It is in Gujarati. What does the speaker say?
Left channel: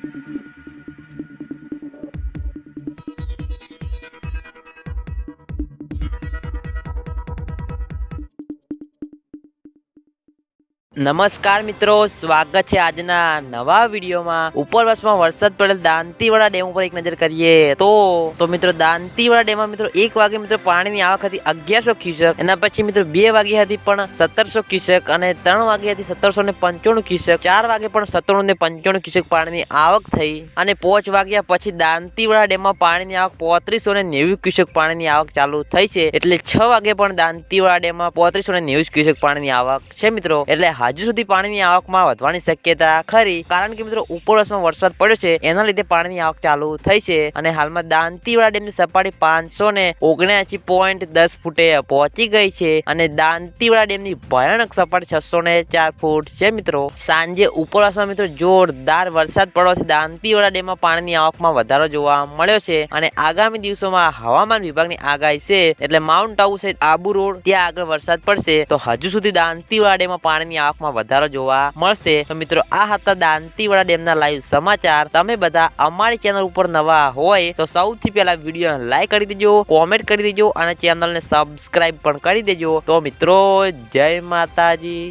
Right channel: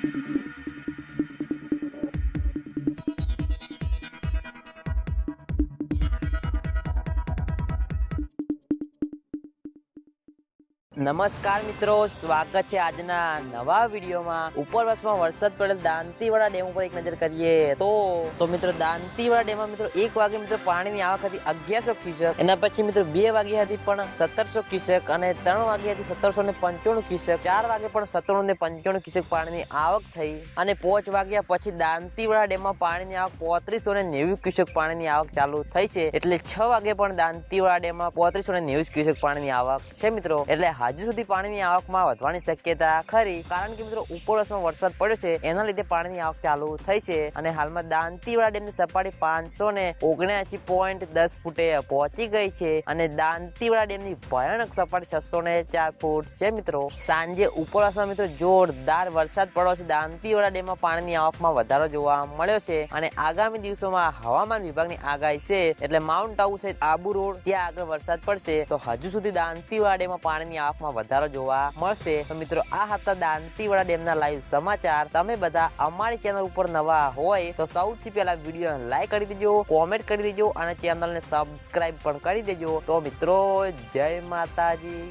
Thank you. નમસ્કાર મિત્રો, સ્વાગત છે આજના નવા વિડીયોમાં. ઉપર વર્ષમાં વરસાદ પડેલ દાંતીવાડા ડેમ ઉપર એક નજર કરીએ તો તો મિત્રો દાંતીવાડા ડેમમાં મિત્રો એક વાગે મિત્રો પાણીની આવક હતી અગિયારસો ક્યુસેક, એના પછી મિત્રો બે વાગે હતી પણ સત્તરસો ક્યુસેક અને ત્રણ વાગે હતી સત્તરસો ને પંચાણું ક્યુસેક, ચાર વાગે પણ સત્તાણું ને પંચાણું ક્યુસેક પાણીની આવક થઈ અને પાંચ વાગ્યા પછી દાંતીવાડા ડેમમાં પાણીની આવક પોત્રીસો ને નેવું ક્યુસેક પાણીની આવક ચાલુ થઈ છે. એટલે છ વાગે પણ દાંતીવાડા ડેમમાં પોત્રીસો ને નેવું ક્યુસેક પાણીની આવક છે મિત્રો. એટલે હજુ સુધી પાણીની આવકમાં વધવાની શક્યતા ખરી. કારણ કે મિત્રો ઉપરવાસમાં વરસાદ પડ્યો છે, એના લીધે પાણીની આવક ચાલુ થઈ છે અને હાલમાં દાંતીવાડા ડેમની સપાટી પાંચસો ને ઓગણ્યાસી પોઈન્ટ દસ ફૂટે પહોંચી ગઈ છે અને દાંતીવાડા ડેમની ભયાનક સપાટી છસો ને ચાર ફૂટ છે મિત્રો. સાંજે ઉપરવાસમાં મિત્રો જોરદાર વરસાદ પડવાથી દાંતીવાડા ડેમમાં પાણીની આવકમાં વધારો જોવા મળ્યો છે અને આગામી દિવસોમાં હવામાન વિભાગની આગાહી છે એટલે માઉન્ટ આબુ સહિત આબુ રોડ ત્યાં આગળ વરસાદ પડશે. તો હજુ સુધી દાંતીવાડા ડેમમાં પાણીની આવકમાં વધારો જોવા મળશે. તો મિત્રો, આ હતા દાંતીવાડા ડેમના લાઈવ સમાચાર. તમે બધા અમારી ચેનલ ઉપર નવા હોય તો સૌથી પહેલા વીડિયો લાઈક કરી દેજો કોમેન્ટ કરી દેજો અને ચેનલને સબસ્ક્રાઈબ પણ કરી દેજો. તો મિત્રો, જય માતાજી.